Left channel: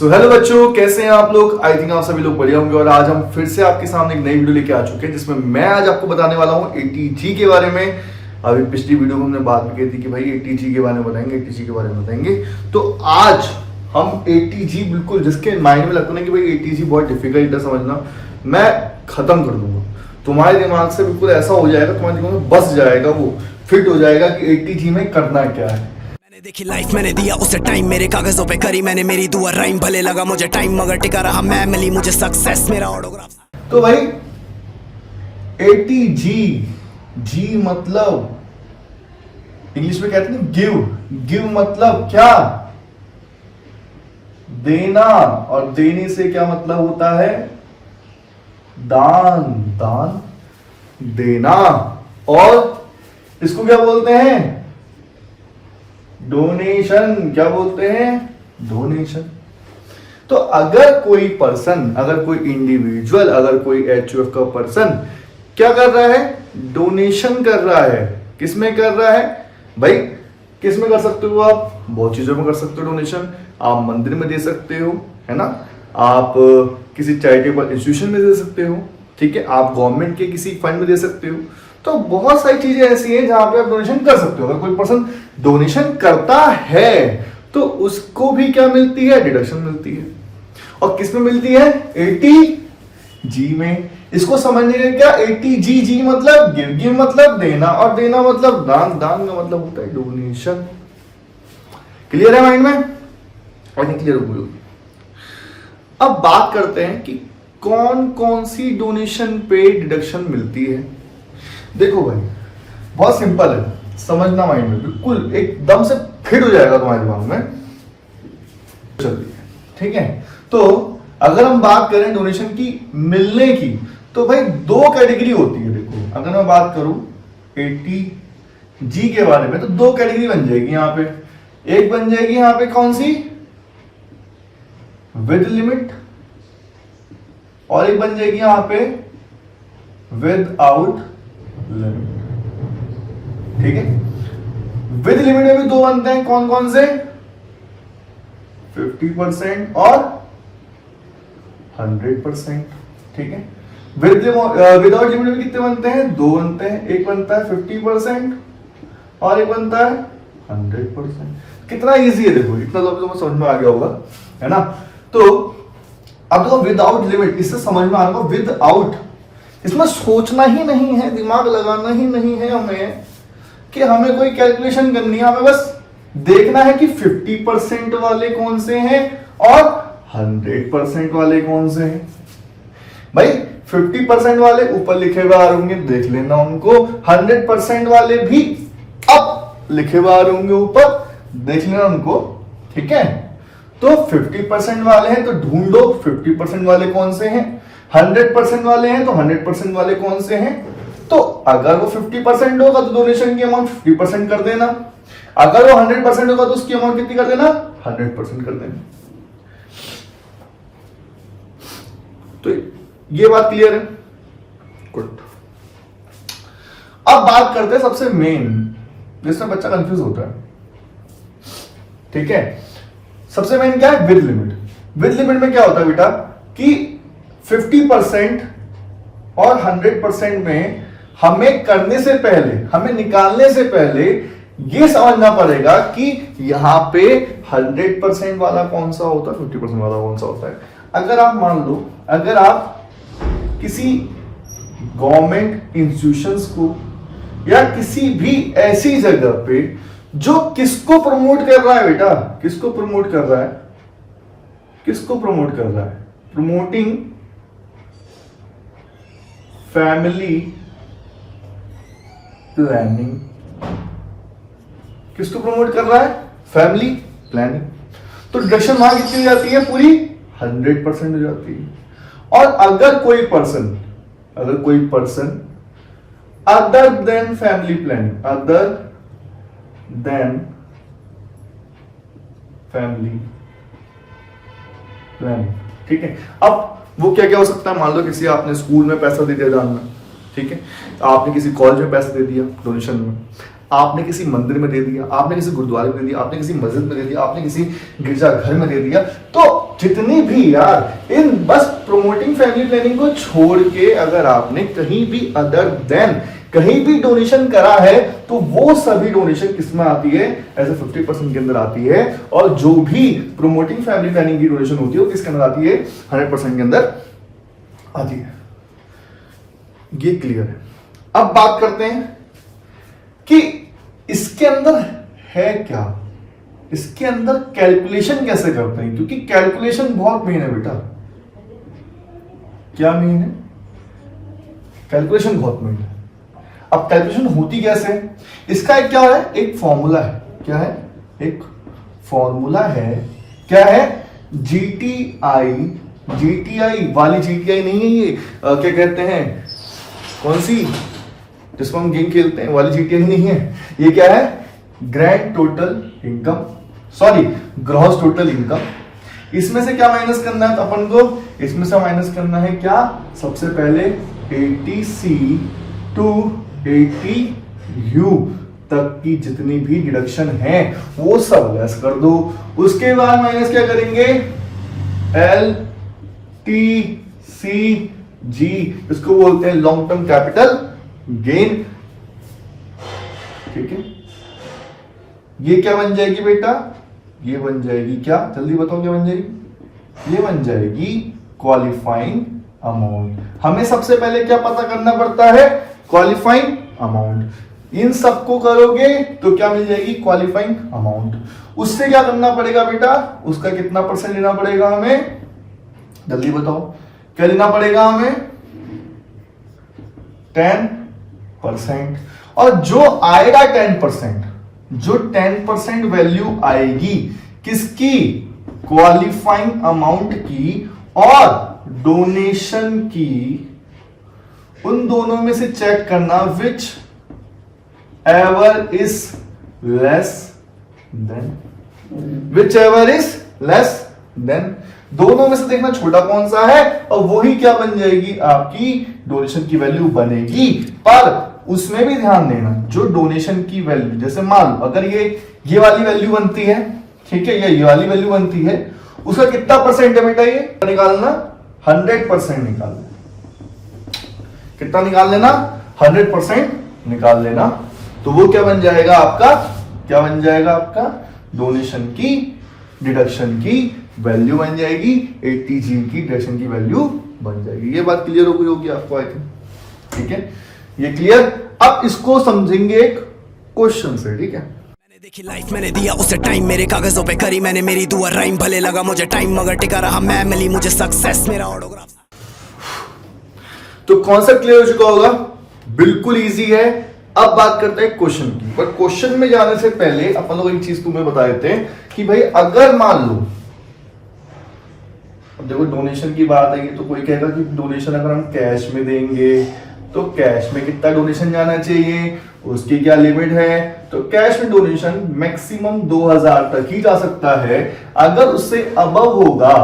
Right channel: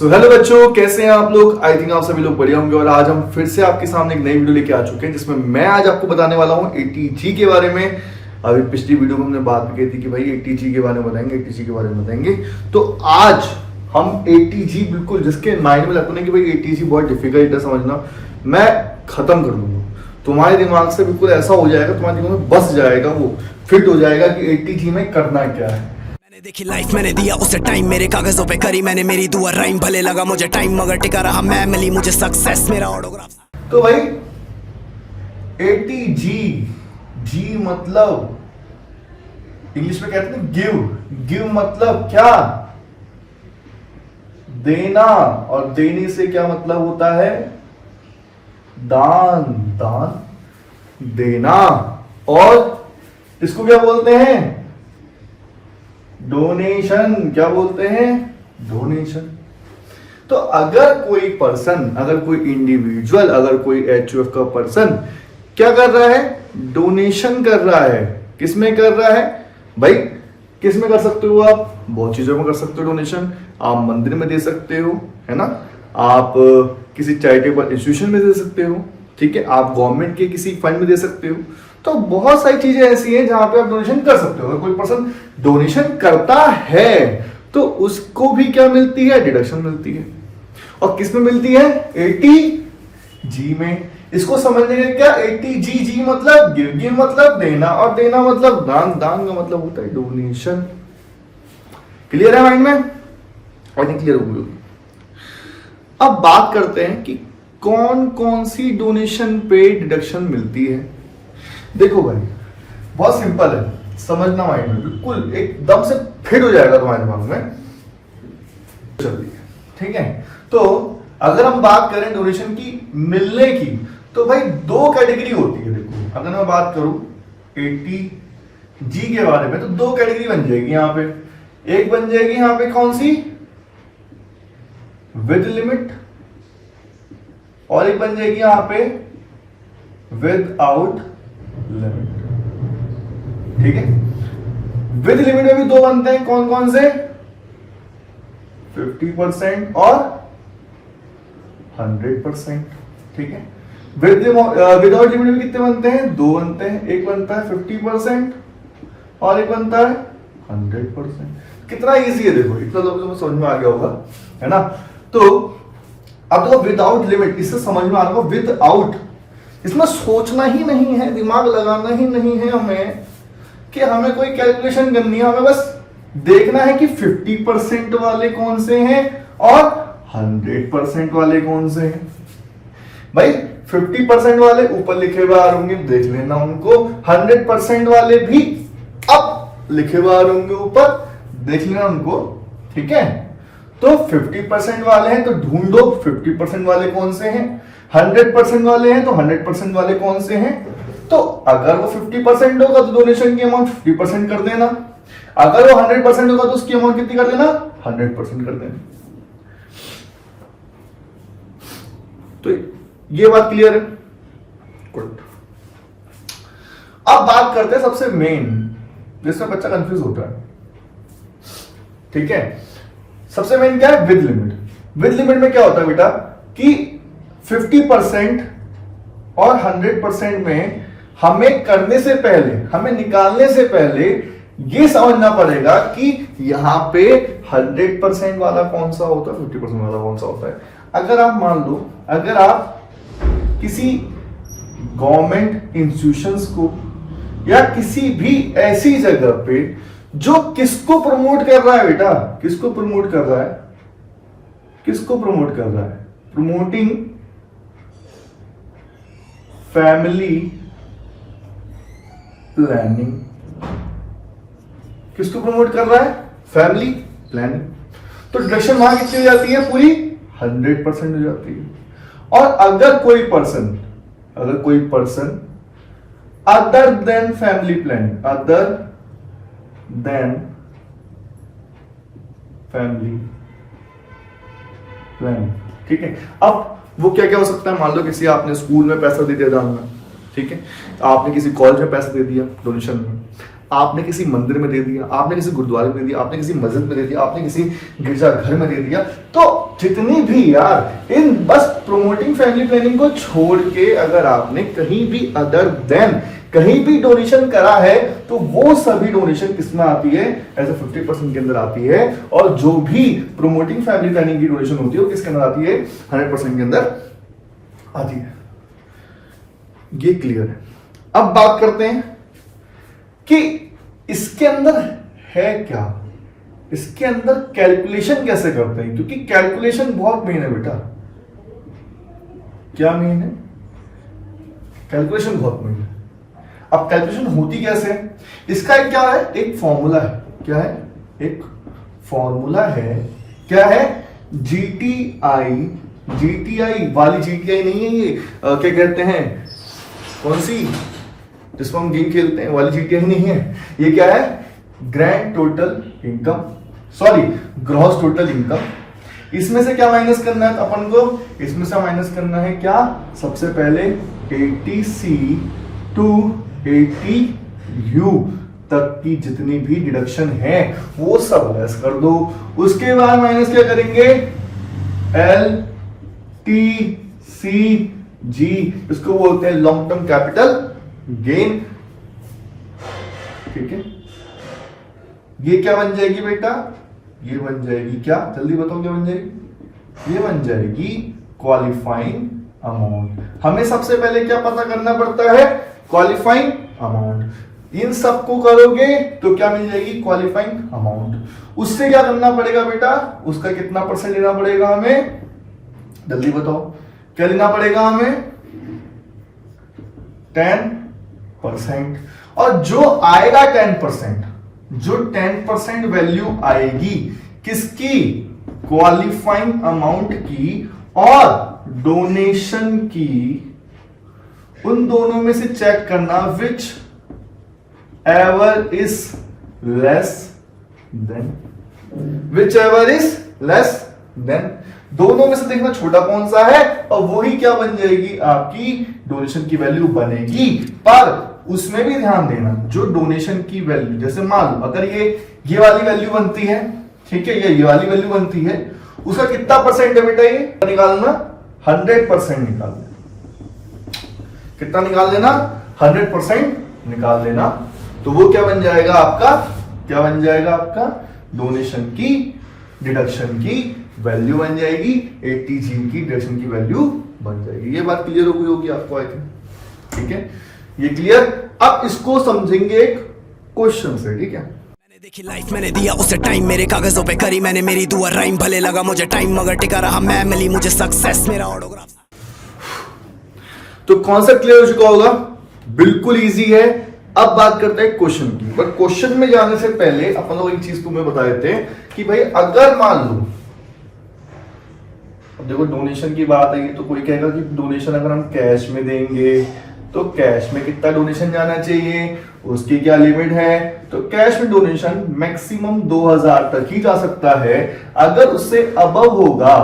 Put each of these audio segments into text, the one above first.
Hello बच्चों, कैसे हैं आप लोग। आई थिंक आप सभी लोग बढ़िया होंगे। और आज हम फिर से आपके सामने एक नई वीडियो लेके आ चुके हैं जिसमें मैं आज आपको बताने वाला हूँ ATG के बारे में। अभी पिछली वीडियो में हमने बात भी की थी कि भाई ATG के बारे में बताएंगे, ATG के बारे में बताएंगे। तो आज हम ATG बिल्कुल जिसके माइंड में लगता है कि भाई ATG बहुत डिफिकल्ट है समझना, मैं खत्म कर दूंगा। तुम्हारे दिमाग से बिल्कुल ऐसा हो जाएगा, तुम्हारे दिमाग में बस जाएगा, वो फिट हो जाएगा कि ATG में करना क्या है। मैंने देखी लाइफ, मैंने दिया उसे टाइम, मेरे कागजों पे करी मैंने मेरी दुआ राइम। भले लगा मुझे टाइम मगर टिका रहा मैं, मिली मुझे सक्सेस मेरा ऑटोग्राफ। तो भाई ATG, जी मतलब इंग्लिश में कहते हैं गिव मतलब क्या, देना। और देने से क्या मतलब होता है, दान देना। और इसको क्या बोलते हैं, डोनेशन। क्या बोलते हैं, डोनेशन। तो अगर कोई पर्सन, अगर कोई इंडिविजुअल, अगर कोई HUF का पर्सन क्या कर रहा है, डोनेशन कर रहा है। किसमें कर रहा है भाई, किसमें कर सकते हो आप, बहुत चीजों में कर सकते हो डोनेशन। आप मंदिर में दे सकते हो, है ना, आप किसी चैरिटेबल इंस्टीट्यूशन में दे सकते हो, ठीक है, आप गवर्नमेंट के किसी फंड में दे सकते हो। तो बहुत सारी चीजें ऐसी हैं जहां पे आप डोनेशन कर सकते हो। अगर कोई पर्सन डोनेशन करता है तो उसको भी क्या मिलती है, डिडक्शन मिलती है। और किस में मिलती है, ATG में। इसको समझने के क्या, ATG मतलब गिव मतलब देना, और देना मतलब दान का मतलब होता है डोनेशन। क्लियर है माइंड में, आई थिंक क्लियर हो गई। अब बात करते हैं कि कौन कौन सी डोनेशन पे डिडक्शन मिलती है। देखो भाई बहुत सिंपल है, समझना माइंड में, बिल्कुल एकदम से फिट हो जाएगा तुम्हारे दिमाग में। चलिए ठीक है। तो अगर हम बात करें डोनेशन की मिलने की, तो भाई दो कैटेगरी होती है। देखो अगर मैं बात करूं ATG के बारे में तो दो कैटेगरी बन जाएगी यहां पे। एक बन जाएगी यहां पे कौन सी, विद लिमिट, और एक बन जाएगी यहां पे विद आउट लिमिट। ठीक है, विद लिमिट में भी दो बनते हैं, कौन कौन से, 50% और 100%। ठीक है, विदाउट लिमिट में कितने बनते हैं, दो बनते हैं। एक बनता है 50% और एक बनता है 100%। कितना इजी है देखो, इतना तो तुम्हें समझ में आ गया होगा, है ना। तो अब देखो विदाउट लिमिट, इससे समझ में आ रहा होगा विदाउट, इसमें सोचना ही नहीं है, दिमाग लगाना ही नहीं है हमें कि हमें कोई कैलकुलेशन करनी है। हमें बस देखना है कि 50% वाले कौन से हैं और 100% वाले कौन से हैं। भाई 50% वाले ऊपर लिखे हुए आ रहे होंगे, देख लेना उनको। 100% वाले भी अब लिखे हुए आ रहे होंगे ऊपर, देख लेना उनको। ठीक है, तो 50% वाले हैं तो ढूंढो 50% वाले कौन से हैं, 100% वाले हैं तो 100% वाले कौन से हैं। तो अगर वो 50% होगा तो डोनेशन की अमाउंट 50% कर देना, अगर वो 100% होगा तो उसकी अमाउंट कितनी कर देना, 100% कर देना। तो ये बात क्लियर है, गुड। अब बात करते हैं सबसे मेन, जिसमें बच्चा कंफ्यूज होता है। ठीक है, सबसे मेन क्या है, विद लिमिट। विद लिमिट में क्या होता है बेटा कि 50% और 100% में हमें करने से पहले, हमें निकालने से पहले ये समझना पड़ेगा कि यहां पे 100% वाला कौन सा होता है, 50% वाला कौन सा होता है। अगर आप मान लो, अगर आप किसी गवर्नमेंट इंस्टीट्यूशंस को या किसी भी ऐसी जगह पे जो किसको प्रमोट कर रहा है बेटा, किसको प्रमोट कर रहा है, किसको प्रमोट कर रहा है, प्रमोटिंग फैमिली प्लानिंग। किसको प्रमोट कर रहा है, फैमिली प्लानिंग। तो डिडक्शन वहां कितनी हो जाती है, पूरी 100% हो जाती है। और अगर कोई person other than family planning, other than family planning, ठीक है। अब वो क्या क्या हो सकता है, मान लो किसी आपने स्कूल में पैसा दे दिया जानना, ठीक है, आपने किसी कॉलेज में पैसा दे दिया डोनेशन में, आपने किसी मंदिर में दे दिया, आपने किसी गुरुद्वारे में दे दिया, आपने किसी मस्जिद में दे दिया, आपने किसी गिरजाघर में दे दिया। तो जितनी भी यार, इन बस प्रोमोटिंग फैमिली प्लानिंग को छोड़ के अगर आपने कहीं भी अदर देन कहीं भी डोनेशन करा है तो वो सभी डोनेशन किसमें आती है, एज ए 50% के अंदर आती है। और जो भी प्रोमोटिंग फैमिली प्लानिंग की डोनेशन होती है वो किसके अंदर आती है, 100% के अंदर आती है। ये क्लियर है। अब बात करते हैं कि इसके अंदर है क्या, इसके अंदर कैलकुलेशन कैसे करते हैं, क्योंकि कैलकुलेशन बहुत मेन है बेटा। क्या मेन है, कैलकुलेशन बहुत मेन है। अब कैलकुलेशन होती कैसे, इसका एक क्या है, एक फॉर्मूला है। क्या है, एक फॉर्मूला है। क्या है, जीटीआई। जीटीआई वाली जीटीआई नहीं है ये, क्या कहते हैं, कौन सी जिसको हम गेम खेलते हैं वाली जीटीआई नहीं है ये। क्या है, grand total income, sorry gross total income. इसमें से क्या माइनस करना है अपन को, इसमें से माइनस करना है क्या, सबसे पहले 80C टू 80U तक की जितनी भी डिडक्शन है वो सब लेस कर दो। उसके बाद माइनस क्या करेंगे, LTCG, इसको बोलते हैं लॉन्ग टर्म कैपिटल गेन। ठीक है, ये क्या बन जाएगी बेटा, ये बन जाएगी क्या, जल्दी बताओ क्या बन जाएगी, ये बन जाएगी क्वालिफाइंग अमाउंट। हमें सबसे पहले क्या पता करना पड़ता है, क्वालिफाइंग अमाउंट। इन सबको करोगे तो क्या मिल जाएगी, क्वालिफाइंग अमाउंट। उससे क्या करना पड़ेगा बेटा, उसका कितना परसेंट लेना पड़ेगा हमें, जल्दी बताओ क्या लेना पड़ेगा हमें, 10%। और जो आएगा 10%, जो 10% वैल्यू आएगी किसकी, क्वालिफाइंग अमाउंट की और डोनेशन की, उन दोनों में से चेक करना which ever is less than, which ever is less than. दोनों में से देखना छोटा कौन सा है और वही क्या बन जाएगी, आपकी डोनेशन की वैल्यू बनेगी। पर उसमें भी ध्यान देना, जो डोनेशन की वैल्यू, जैसे मान लो अगर ये वाली वैल्यू बनती है, ठीक है, ये वाली वैल्यू बनती है, उसका कितना परसेंट है बेटा, ये निकालना 100% निकाल लेना। कितना निकाल लेना, 100% निकाल लेना। तो वो क्या बन जाएगा आपका, क्या बन जाएगा आपका, डोनेशन की डिडक्शन की वैल्यू बन जाएगी, 80G की डिडक्शन की वैल्यू बन जाएगी। ये बात क्लियर हो गई होगी आपको, आई थिंक। ठीक है, ये क्लियर। अब इसको समझेंगे एक क्वेश्चन से, ठीक है। मैंने देखी लाइफ, मैंने दिया उसे टाइम, मेरे कागजों पे करी मैंने मेरी दुआ राइम। भले लगा मुझे टाइम मगर टिका रहा मैं, मिली मुझे सक्सेस मेरा ऑटोग्राफ। तो कॉन्सेप्ट क्लियर हो चुका होगा, बिल्कुल इजी है। अब बात करते हैं क्वेश्चन की। पर क्वेश्चन में जाने से पहले अपन लोग एक चीज तुम्हें बता देते हैं कि भाई अगर मान लो, अब देखो डोनेशन की बात आई तो कोई कहेगा कि डोनेशन अगर हम कैश में देंगे तो कैश में कितना डोनेशन जाना चाहिए, उसकी क्या लिमिट है। तो कैश में डोनेशन मैक्सिमम 2000 तक ही जा सकता है। अगर उससे अबव होगा,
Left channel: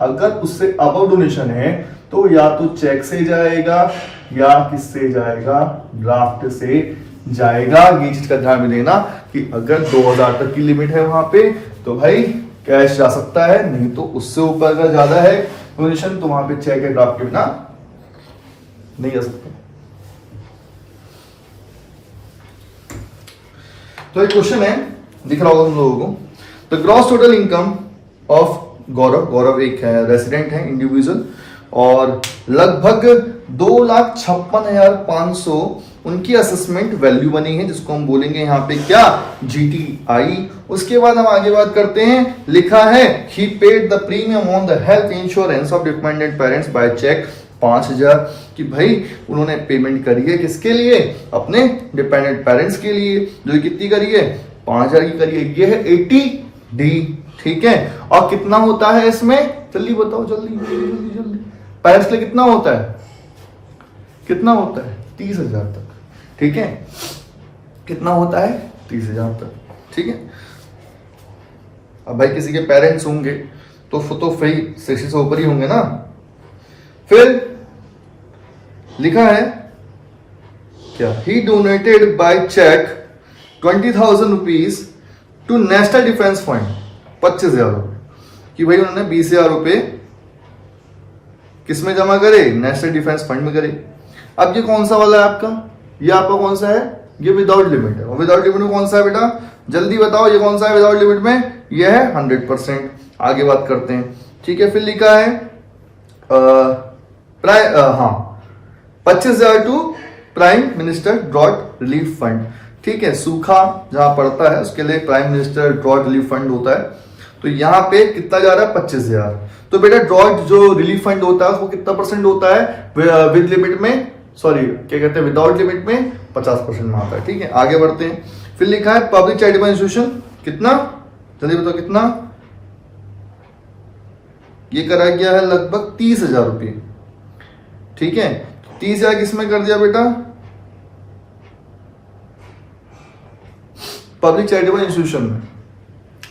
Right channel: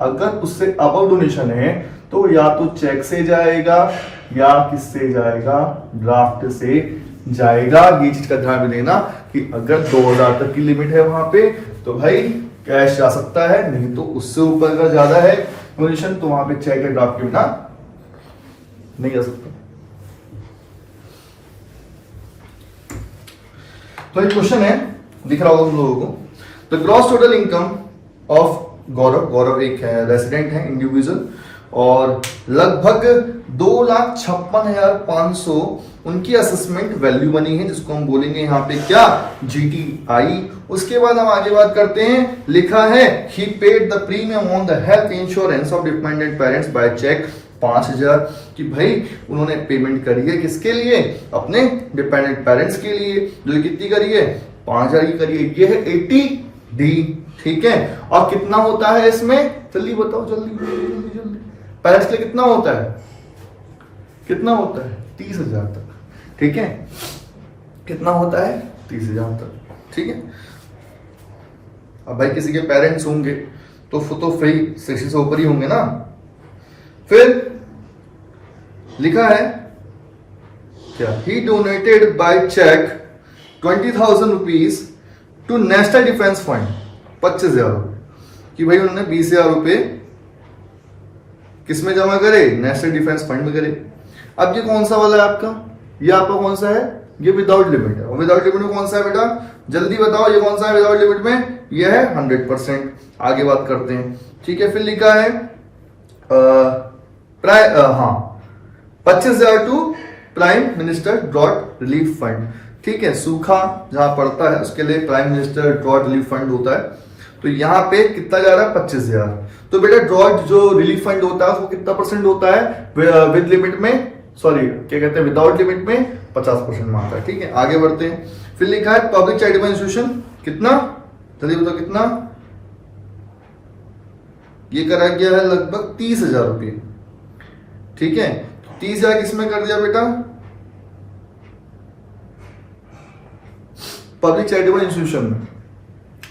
अगर उससे अबव डोनेशन है तो या तो चेक से जाएगा या किससे जाएगा, ड्राफ्ट से जाएगा। ये चीज का ध्यान में देना कि अगर 2000 तक की लिमिट है वहां पे तो भाई कैश जा सकता है, नहीं तो उससे ऊपर अगर ज्यादा है डोनेशन तो वहां पे चेक या ड्राफ्ट के बिना नहीं जा सकता। तो एक क्वेश्चन है, दिख रहा होगा तुम लोगों को। The gross total income of Gaurav एक है, रेसिडेंट है, इंडिविजुअल, और लगभग 2,56,500 उनकी असेसमेंट वैल्यू बनी है, जिसको हम बोलेंगे यहाँ पे क्या, GTI। उसके बाद हम आगे बात करते हैं, लिखा है he paid the premium on the health insurance of dependent parents by cheque 5000, कि भाई उन्होंने पेमेंट करी है किसके लिए, अपने डिपेंडेंट पेरेंट्स के लिए, जो कितनी करी है, 5000 की करी है। ये है 80D, ठीक है। और कितना होता है इसमें, जल्दी बताओ, जल्दी जल्दी जल्दी। पेरेंट्स के लिए कितना होता है, कितना होता है, 30,000 तक, ठीक है। कितना होता है, 30,000 तक, ठीक है। अब भाई किसी के पेरेंट्स होंगे तो फिर 60 से ऊपर ही होंगे ना। फिर लिखा है क्या, he donated by cheque 20,000 rupees to national defence fund, 25,000 रुपए, कि भाई उन्होंने 20,000 रुपए किसमें जमा करे, नेशनल डिफेंस फंड में करे। अब ये कौन सा वाला है आपका, ये आपका कौन सा है, ये विदाउट लिमिट है। और विदाउट लिमिट में कौन सा है बेटा, जल्दी बताओ, ये कौन सा है विदाउट लिमिट में, ये है 100%। आगे बात करते हैं, ठीक है। फिर लिखा है 25,000 to prime minister drought relief fund, ठीक है। सूखा जहां पड़ता है उसके लिए prime minister drought relief fund होता है। तो यहाँ पे कितना जा रहा है, 25,000। तो बेटा ड्रॉट जो रिलीफ फंड होता है वो कितना परसेंट होता है, विद लिमिट में, सॉरी क्या कहते हैं, विदाउट लिमिट में 50% में आता है, ठीक है। आगे बढ़ते हैं, फिर लिखा है पब्लिक चैरिटेबल इंस्टीट्यूशन, कितना, जल्दी बताओ कितना, ये करा गया है लगभग 30,000 रुपये, ठीक है। 30,000 किसमें कर दिया बेटा, पब्लिक चैरिटेबल इंस्टीट्यूशन में।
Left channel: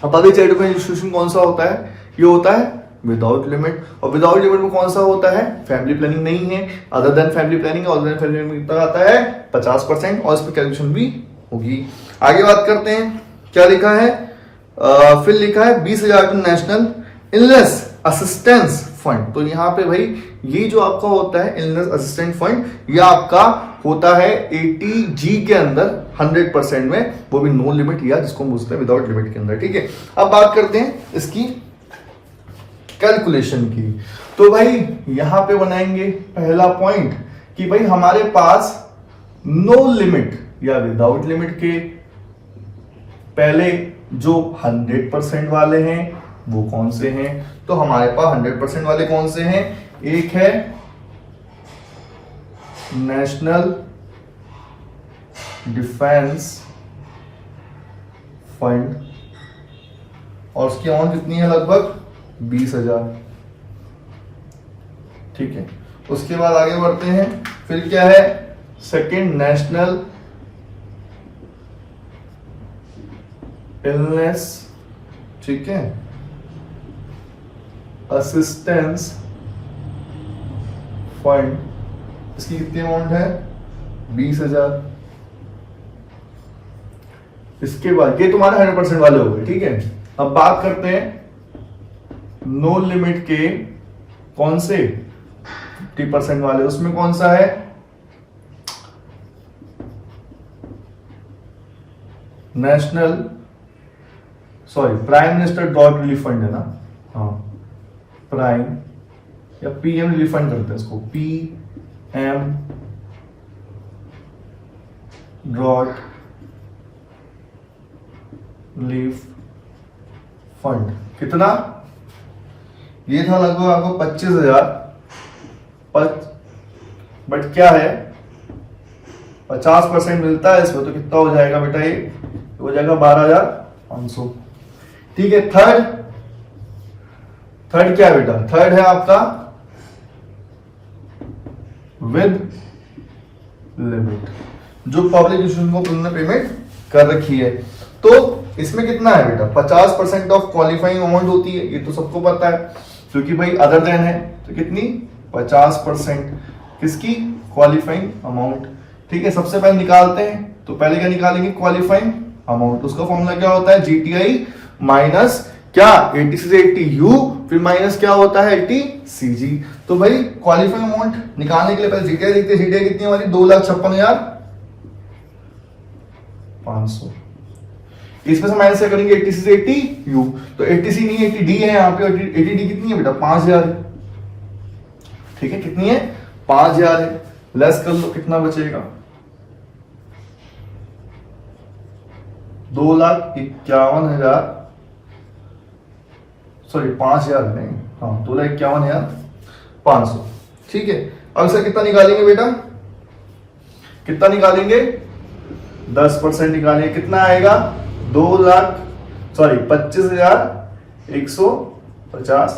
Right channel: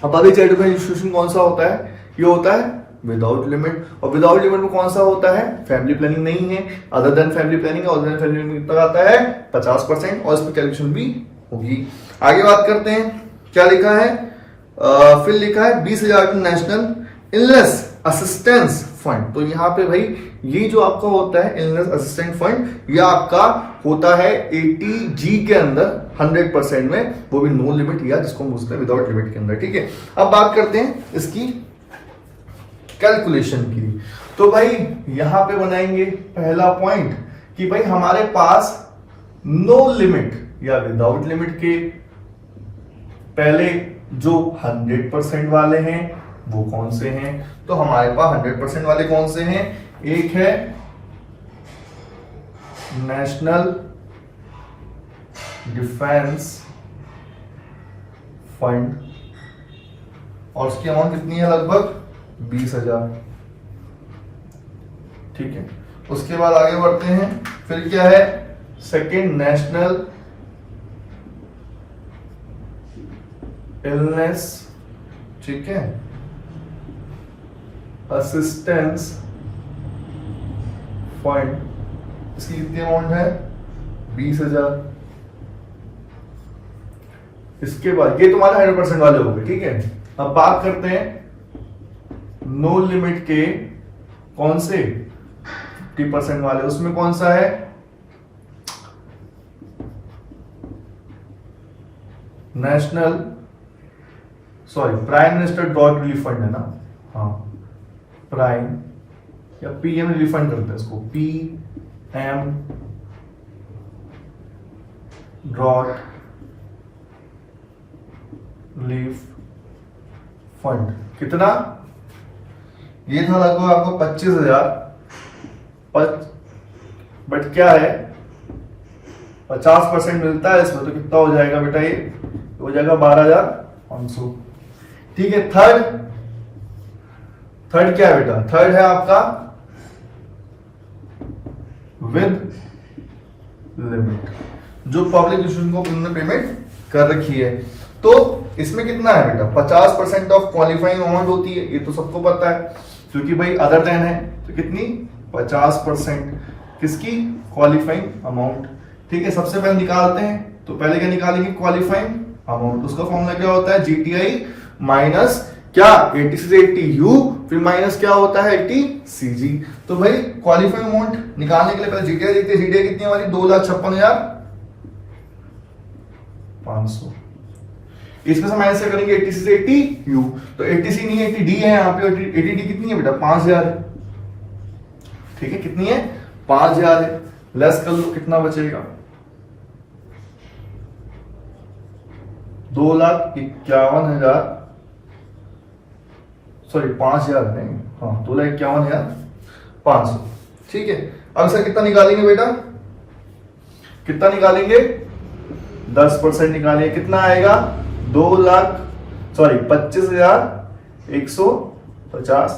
अब पब्लिक चैरिटेबल इंस्टीट्यूशन कौन सा होता है, ये होता है विदाउट लिमिट। और विदाउट लिमिट में कौन सा होता है, फैमिली प्लानिंग नहीं है, other than family planning. Other than family planning कितना आता है, 50%, और इस पर कैलकुलेशन भी होगी। आगे बात करते हैं, क्या लिखा है, फिर लिखा है 20,000 to national illness assistance fund. तो यहाँ पे भाई ये जो आपका होता है इलनेस असिस्टेंट फंड, ये आपका होता है 80G के अंदर 100% में, वो भी नो लिमिट, या जिसको हम बोलते हैं विदाउट लिमिट के अंदर, ठीक है। अब बात करते हैं इसकी कैलकुलेशन की। तो भाई यहां पे बनाएंगे पहला पॉइंट कि भाई हमारे पास नो लिमिट या विदाउट लिमिट के पहले जो 100% वाले हैं वो कौन से हैं। तो हमारे पास 100% वाले कौन से हैं, एक है नेशनल डिफेंस फंड, और उसकी अमाउंट कितनी है, लगभग 20,000, ठीक है। उसके बाद आगे बढ़ते हैं, फिर क्या है, सेकेंड नेशनल इलनेस, ठीक है, असिस्टेंस फंड, इसकी कितनी अमाउंट है, 20,000। इसके बाद ये तुम्हारे 100% वाले हो गए, ठीक है। अब बात करते हैं नो लिमिट के कौन से 50% वाले, उसमें कौन सा है, national, sorry prime minister drought relief fund है ना, हाँ प्राइम या PM रिलीफ फंड करते हैं इसको, PM ड्रॉट रिलीफ फंड। कितना, ये था लगभग आपको 25,000, बट क्या है 50% मिलता है इसमें, तो कितना हो जाएगा बेटा, ये हो जाएगा 12,500, ठीक है। थर्ड क्या है बेटा, थर्ड है आपका विद लिमिट, जो पब्लिक इंस्टीट्यूशन को उन्होंने पेमेंट कर रखी है। तो इसमें कितना है बेटा, 50% ऑफ क्वालिफाइंग अमाउंट होती है, ये तो सबको पता है, क्योंकि भाई अदर देन है, तो कितनी 50% किसकी, क्वालिफाइंग अमाउंट, ठीक है। सबसे पहले निकालते हैं, तो पहले क्या निकालेंगे, क्वालिफाइंग अमाउंट। उसका फॉर्मूला क्या होता है, GTI माइनस क्या 80 से 80U, फिर माइनस क्या होता है 80CG। तो भाई क्वालिफाइंग अमाउंट निकालने के लिए पहले GTI देखते हैं, GTI कितनी है हमारी, 2,56,500। इसमें से माइनस क्या करेंगे, 80 से 80U, तो 80C नहीं 80D है यहाँ पे, 80D कितनी है बेटा, 5,000 है, ठीक है। कितनी है, 5,000 है, लेस कर लो, कितना बचेगा, 2,51,000, सॉरी 5,000 नहीं, हाँ 2,51,500, ठीक है। अब सर कितना निकालेंगे बेटा, कितना निकालेंगे, 10% निकालेंगे, कितना आएगा, 25,150,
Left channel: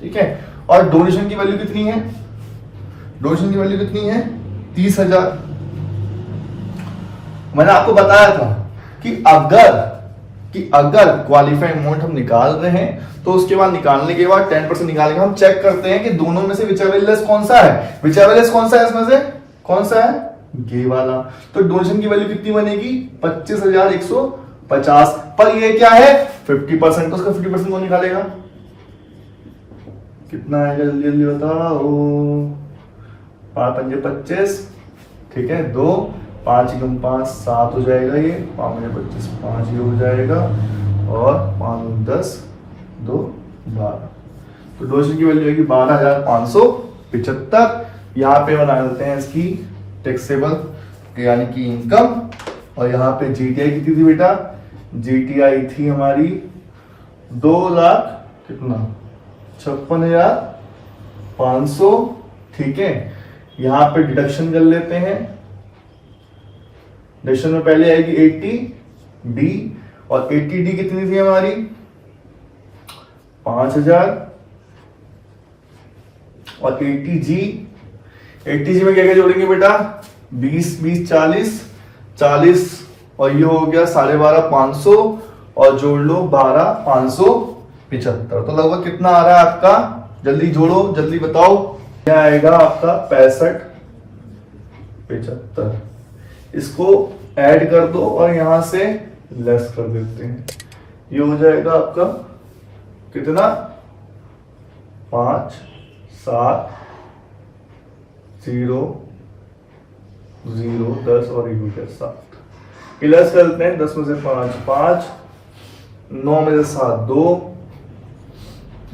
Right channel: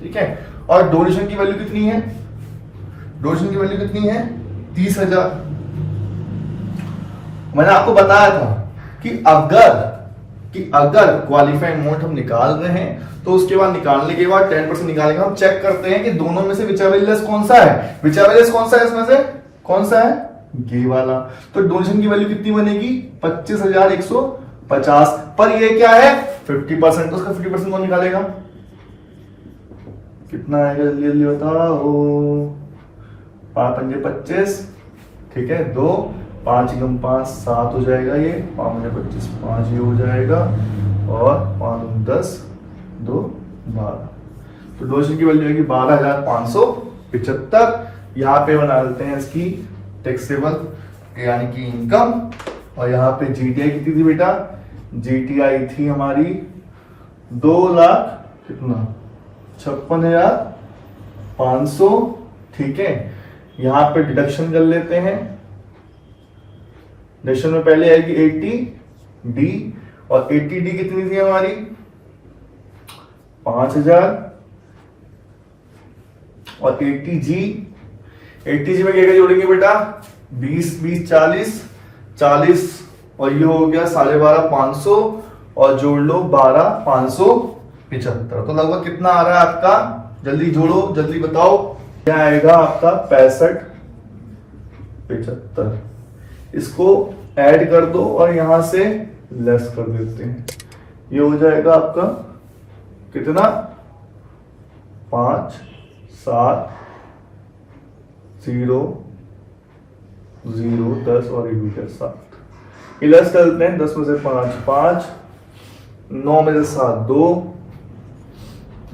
ठीक है। और डोनेशन की वैल्यू कितनी है, डोनेशन की वैल्यू कितनी है, 30,000। मैंने आपको बताया था कि अगर क्वालिफाइंग अमाउंट हम निकाल रहे हैं तो उसके बाद निकालने के बाद 10% निकालेंगे, हम चेक करते हैं कि दोनों में से whichever less कौन सा है, whichever less कौन सा है, इसमें से कौन सा है, ये वाला। तो डोनेशन की वैल्यू कितनी बनेगी, 25,150, पर ये क्या है 50%, तो उसका 50% कौन निकालेगा, कितना आएगा जल्दी जल्दी बताओ। 5 पंजे 25, ठीक है, 2 5 एकम 5 7 हो जाएगा, ये 5 पंजे 25 5 ये हो जाएगा, और 5 10 2 12। तो डोनेशन की वैल्यू होगी 12,575। यहाँ पे बना देते हैं इसकी टैक्सेबल यानी कि इनकम, और यहाँ पे जीटीआई कितनी थी बेटा, जीटीआई थी हमारी 2 लाख कितना 56,500, ठीक है। यहाँ पे डिडक्शन कर लेते हैं, डिडक्शन में पहले आएगी 80D, और 80D कितनी थी हमारी 5,000, और 80G में क्या क्या जोड़ेंगे बेटा, 20 20 40 और ये हो गया 12,500, और जोड़ लो 12,575। तो लगभग कितना आ रहा है आपका, जल्दी जोड़ो जल्दी बताओ, क्या आएगा आपका 65,75। इसको ऐड कर दो और यहां से लेस कर देते हैं, ये हो जाएगा आपका कितना 5 7 0 0 10 और 1 हो गया 7। लेस करते हैं, 10 में से 5 5, 9 में से 7 2,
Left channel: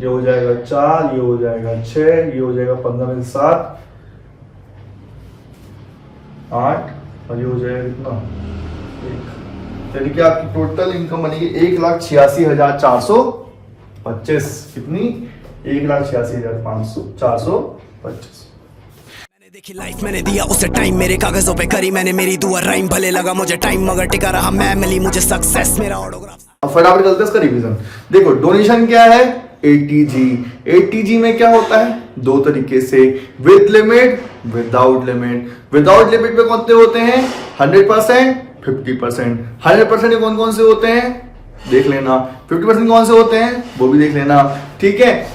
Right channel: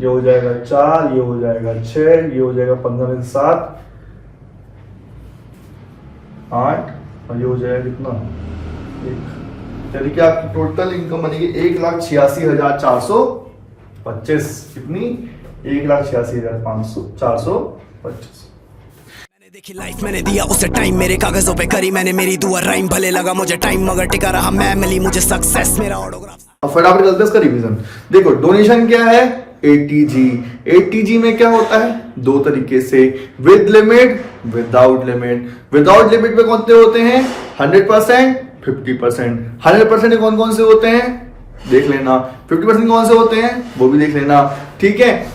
ये हो जाएगा 4, ये हो जाएगा 6, ये हो जाएगा 15 में से 7 8, और ये हो जाएगा कितना 1। यानी कि आपकी टोटल इनकम बनेगी 1,86,425। कितनी 1,86,425। मैंने देखी लाइफ, मैंने दिया उसे टाइम, मेरे कागजों पे करी मैंने मेरी दुआ राइम, भले लगा मुझे टाइम मगर टिका रहा मैं, मिली मुझे सक्सेस मेरा ऑटोग्राफ। अब फटाफट चलते हैं इसका रिवीजन। देखो डोनेशन क्या है, 80G। 80G में क्या होता है, दो तरीके से, with limit without limit. Without limit में कौन से होते हैं, 100% 50%। 100% कौन कौन से होते हैं देख लेना, 50% कौन से होते हैं वो भी देख लेना, ठीक है।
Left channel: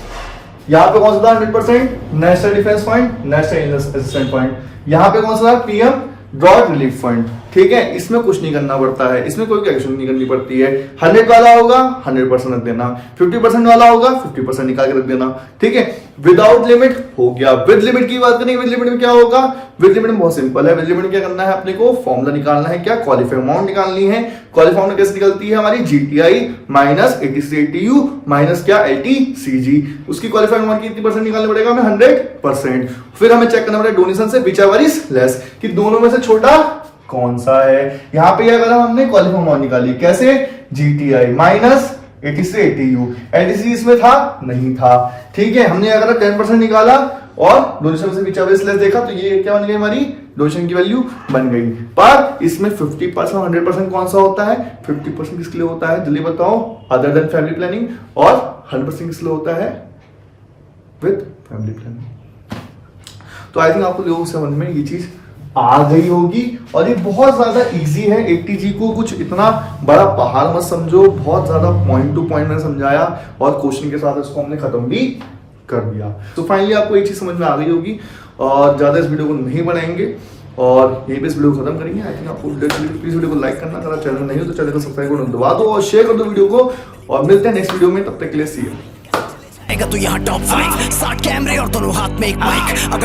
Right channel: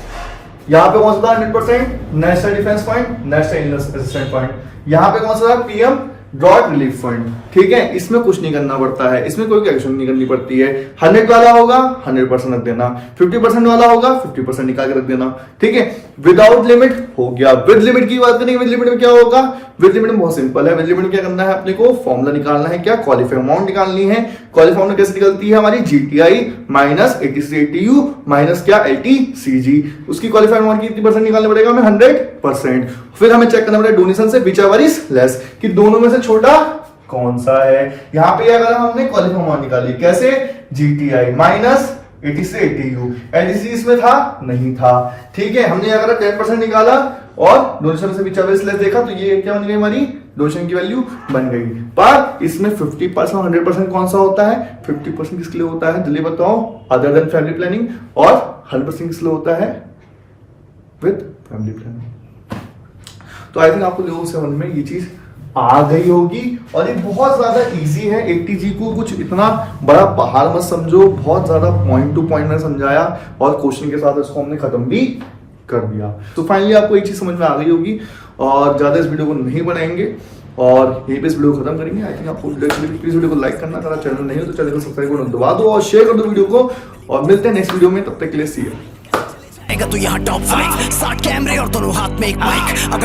यहाँ पे कौन सा था 100%, national defence fund, national illness assistance fund. यहाँ पे कौन सा था, पीएम ड्रॉट रिलीफ फंड, ठीक है। इसमें कुछ नहीं करना पड़ता है, इसमें कोई एक्शन नहीं करनी पड़ती है। 100 वाला होगा 100% रख देना, 50% वाला होगा 50% निकाल के रख देना, ठीक है। विदाउट लिमिट हो गया। विद लिमिट की बात करेंगे, विद लिमिट में क्या होगा, विद लिमिट में बहुत सिंपल है। विद लिमिट में क्या करना है, अपने को फॉर्मूला निकालना है, क्या क्वालिफाइड अमाउंट निकालनी है। क्वालिफाइड अमाउंट कैसे निकलती है हमारी, जीटीआई माइनस 83ATU माइनस क्या LTCG। उसकी क्वालिफाइड अमाउंट की कितनी परसेंट निकालना पड़ेगा हमें, 100%। फिर हमें चेक करना पड़ेगा डोनेशन से विच एवर इज लेस, कि दोनों में से छोटा कौन सा है। यहां पे क्या करा हमने, क्वालिफाइड अमाउंट निकाली, कैसे, जीटीआई माइनस 83ATU। LTCG इसमें था नहीं था, ठीक है। हमने अगर 10% निकाला और डोनेशन से विच एवर इज लेस देखा, तो ये क्या बन गई हमारी डोनेशन की वैल्यू बन गई। पर इसमें 50% और 100% कौन सा होता है, 50% किसके लिए होता है जल्दी बताओ, अदर देन फैमिली प्लानिंग, और 100% किसके लिए होता है, विद फैमिली प्लानिंग। तो आई थिंक आपको लोगों से समझ में ये चीज आ गई होगी, और ये बहुत ज्यादा इजी है। 80G को कुछ इतना बड़ा पहाड़ मत समझो, बहुत ज्यादा पॉइंट टू पॉइंट में समझाया, और क्वेश्चन के साथ इसको हमने खत्म भी कर दिया। तो फाइनली आपको एक चीज समझ में आ गई होगी, और ज्यादा इस वीडियो को नहीं बढ़ाएंगे और यहीं पे इस वीडियो को खत्म करेंगे। आई थिंक आपको प्लीज वीडियो को लाइक करना, अगर चैनल नहीं हो तो चैनल को सब्सक्राइब करना दबा दो, और शेयर कर दो वीडियो को, और मिलते हैं नेक्स्ट वीडियो में। तब तक के लिए सी यू। तू यहाँ टॉप 5 60 कैमरे और दोनों हाथ में एक माइक।